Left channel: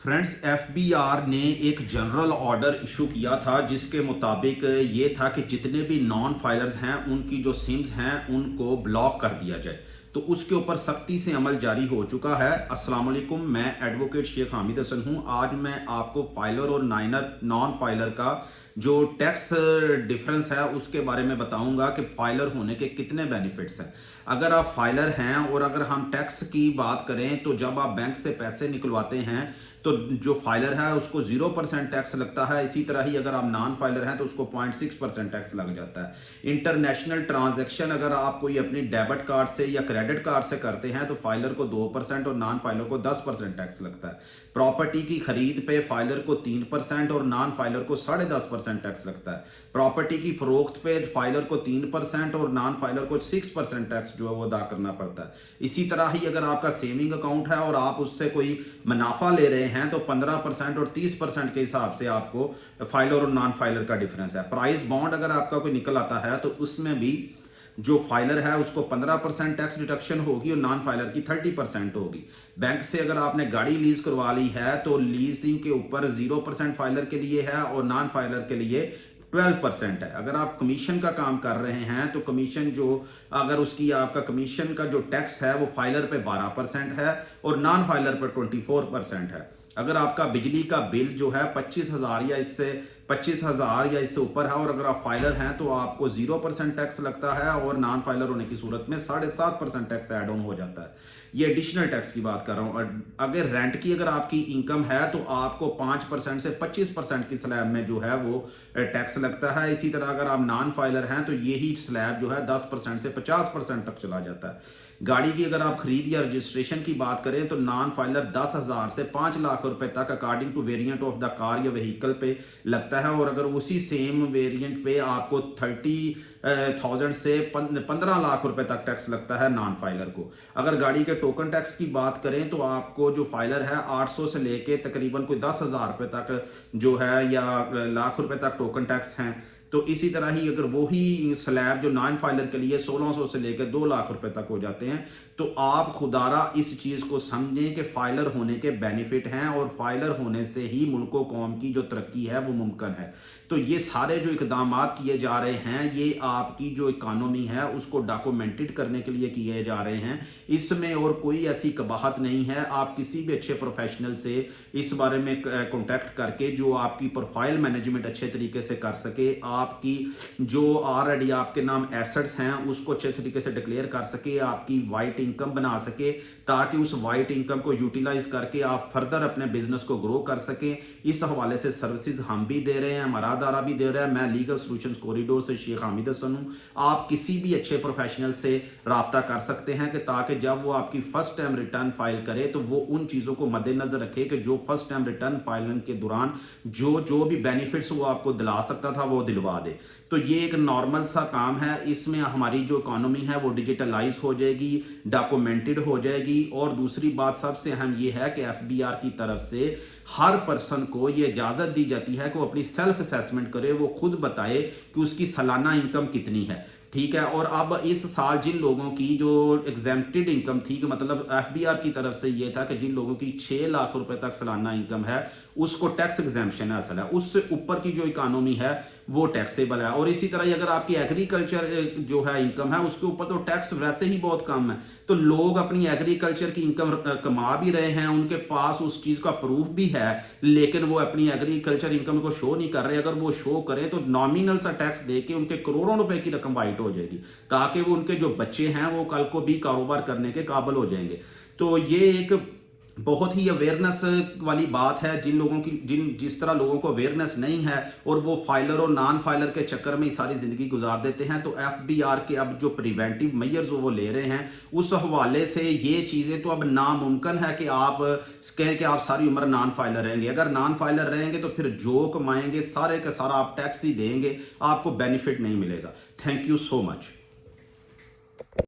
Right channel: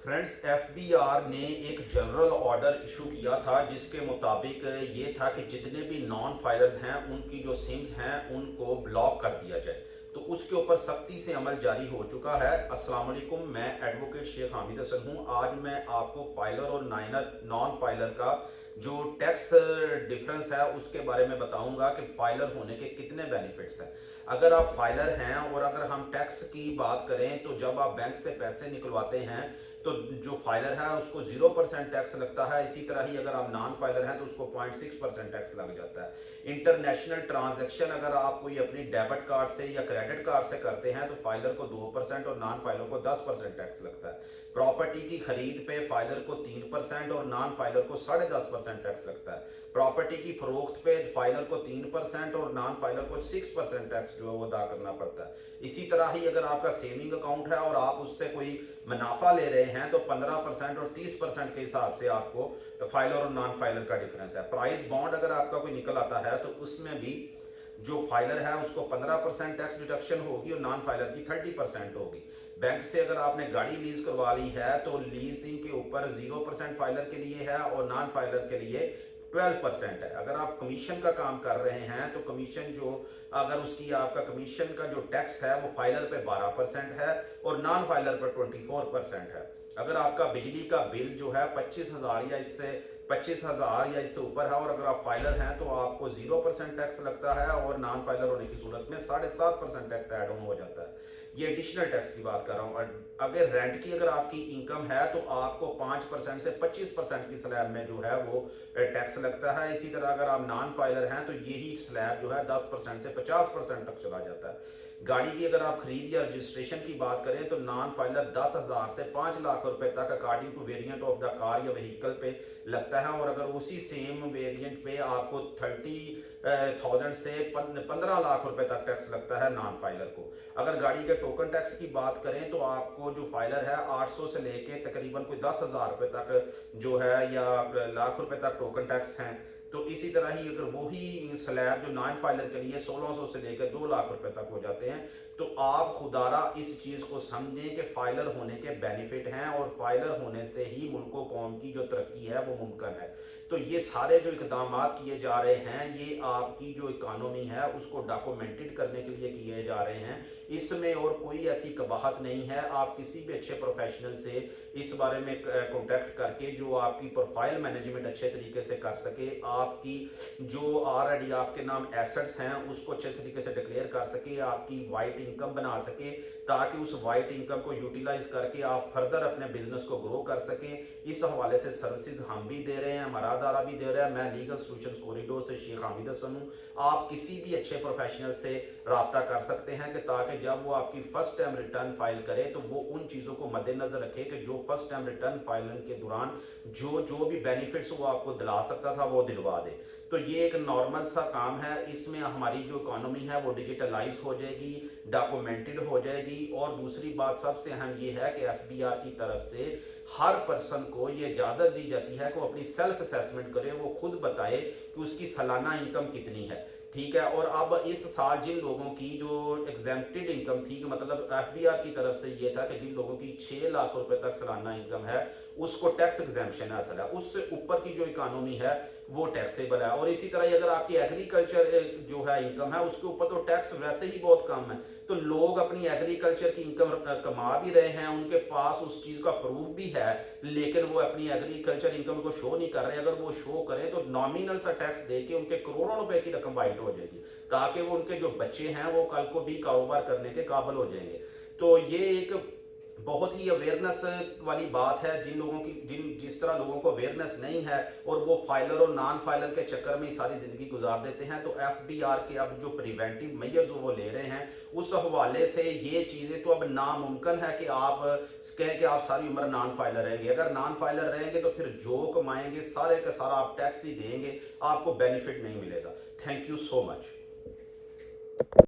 Friends, FBR ने एक general order issue किया था जिसके मुताबिक ये था कि जितने भी नॉन फाइलर्स हैं उनकी जो सिम्स हैं उनको ब्लॉक कर दिया जाए। तो उसके ऊपर सख्ती से अमल जारी हो चुका है। अस्सलाम वालेकुम, मैं एडवोकेट शेख हामिद हसन हूं। आज मैं आपको फाइलर और नॉन फाइलर का जो टैक्स डिफरेंस है उसके बारे में बताऊंगा कि फाइलर होने के कितने बेनिफिट्स हैं। अगर आप फाइलर हैं और अगर हम टैक्स की बात करें तो जब आप बैंक से पैसे निकलवाते हैं तो जो फाइलर है उसको 0% टैक्स लगता है। इसी तरह ही अगर आप नॉन फाइलर हैं तो उसको 0.6% टैक्स लग जाता है। इंटरनेशनल ट्रांजैक्शन अगर आप कोई अपनी डेबिट कार्ड से या क्रेडिट कार्ड से करते हैं तो फाइलर को 2% और नॉन फाइलर को 10% टैक्स लगता है। प्रॉपर्टी की खरीद पे फाइलर को 3% और नॉन फाइलर को 10.5% टैक्स लगता है। प्रॉपर्टी की फरोख्त पे फाइलर को 3% और नॉन फाइलर को 6% टैक्स जो है वो अदा करना पड़ता है। इसी तरह ही अगर आपका सेविंग अकाउंट है और आप उससे कोई मुनाफा ले रहे हैं तो 15% और 30% के हिसाब से आपको फाइलर और नॉन फाइलर का डिफरेंस है। प्राइस बॉन्ड अगर आपका कोई निकल आता है तो उसमें भी जो फाइलर है उसको 15% टैक्स डिडक्शन होगी और नॉन फाइलर की 30% होगी। बैंक से अगर आपने गाड़ी लीज करवा ली है तो लीजिंग के ऊपर 0% फाइलर के लिए है और नॉन फाइलर के लिए 12% है। अगर आप कमीशन का काम कर रहे हैं तो कमीशन जो अगर उसकी आपका कमीशन का जो टैक्स है वो फाइलर पे 12% है और नॉन फाइलर पर 24% है। अगर आपका बिजली का बिल जो है 25,000 या इससे ऊपर है और अगर आप फाइलर हैं तो आपको 0% टैक्स लगता है और नॉन फाइलर होने की सूरत में 7.5% टैक्स ऐड ऑन हो जाता है। ये एडिशनल टैक्स की बात कर रहा हूँ। अगर रेंट की अगर आपकी इनकम है तो आपको 5% से 25% की स्लैब में जो है वो टैक्स लगता है। इसी तरह अगर आप नॉन फाइलर हैं तो यही स्लैब जो है 10% से 50% तक चला जाता है। गाड़ी की अगर आप खरीद या रजिस्ट्रेशन की बात करें तो नॉन फाइलर 10,000 से 5 लाख रुपए तक according to variant of the car या व्हीकल पे लगता है और अगर उसी सेम वेरिएंट पे आपको 30,000 से 15 लाख रुपए तक टैक्स लगता है नॉन फाइलर को। अगर गाड़ी के टोकन टैक्स की बात करें तो आपको जो फाइलर है 800 से लेके तकरीबन कोई 10,000 रुपए तक जो है या लाख रुपए तक टोकन टैक्स हैं। तो इसी तरह ही अगर वही स्लैब जो नॉन फाइलर के लिए 1600 से लेकर 2 लाख रुपए तक हो जाते हैं। तो आप खुदारा इस चीज को समझें कि फाइलर होने के बेनिफिट हैं और फाइलर होने से ही मुल्क व कौम की जो तरक्की है वो मुमकिन है। तो ये सारे जो इकदाम किए जा रहे हैं ये आपकी जो इकानमी है उसको डॉक्यूमेंटेड करने के लिए किए जा रहे हैं। इसमें और कोई ऐसी कबाहत नहीं है। आप किसी भी अच्छे प्रोफेशनल से इस बारे में कॉन्टेक्ट करके जो आपकी प्रोफाइल मैनेजमेंट अच्छे तरीके से कर सके, आपकी जो ऑलरेडी आपके नाम एसेट्स हैं उसको अच्छे तरीके से डिक्लेयर कर सके, आपकी वाइट इनकम बना सके ताकि उस वाइट इनकम को यूटिलाइज करके आप फर्दर अपने बिजनेस को ग्रो कर सकें। इस हवाले से सर्विसेज हम भी दे रहे हैं, हमारा अदारा भी दे रहा है। मैं लीगल सॉल्यूशंस कॉरिडोर से शेख हामिद हसन हूं। आप किसी भी अच्छे प्रोफेशनल से राब्ता कर सकते हैं कि ताकि जब वो आपकी फर्स्ट टाइम रिटर्न फाइल करे तो वो उन चीज़ों को मद्देनजर रखे कि जो फर्स्ट टाइम रिटर्न फाइलिंग के दौरान जो भी बेनिफिट्स वो आपको दिला सकता था वो दिलवा दे। तो ये एक नॉर्मल सा काम है। इसमें हमारी जो इकोनॉमी है वो डिजिटलाइज हो जाएगी, डॉक्यूमेंटेड हो जाएगी। और दूसरी बात सबसे अहम ये है कि एफबीआर की तरफ से हर पर्सन को ये इजाज़त दी जाती है कि वो अपनी सेल्फ असेसमेंट करे, वो खुद बताए कि उसकी सालाना इनकम कितनी है। ठीक है। और अब इस साल जिन लोगों की जो एग्जेम्प्टेड इनकम थी कि मतलब एफबीआर की तरफ से ये था कि जिन लोगों की 6 लाख रुपए तक सालाना इनकम है उसको टैक्स एग्जेम्पशन हासिल है, उससे ऊपर की जो इकोनॉमी है वो टैक्सेबल है। और इसी तरह अगर आपकी एग्रीकल्चर जो है इनकम है उसके ऊपर तो टैक्स वैसे ही बहुत कम है। तो लोग अपनी एग्रीकल्चर की इनकम कमा भी रहे हैं, उनके पास उस चीज़ का प्रूफ भी है, लेकिन वो अपनी एग्रीकल्चर इनकम को शो नहीं कर रहे। अगर वो शो करें तो नॉमिनल सा टैक्स दे के उनके करोड़ों रुपए की रकम वाइट हो जाएगी ताकि वो उनके जो बच्चे हैं वो कल को भी कारोबार करने के काबिल हो जाएंगे। तो ये एक बहुत ही अवेयरनेस वाली बात है। जिस तरह लोगों को अवेयरनेस नहीं है और वो फाइलर और नॉन फाइलर के चक्कर में ही सारी ज़िंदगी गुजार देते हैं। तो एफबीआर के अब जो प्रिवेंटिव मेजर्स वो ले रहे हैं उस हवाले से ये चीज़ें तो अब नामुमकिन है कि आप कहें कि आप सारी उम्र नॉन फाइलर रहेंगे। अगर नॉन फाइलर रहेंगे तो फिर जो कमाएंगे सारे का सारा आप टैक्स ही देंगे, आपको बेनिफिट नहीं मिलेगा। Thank you so much.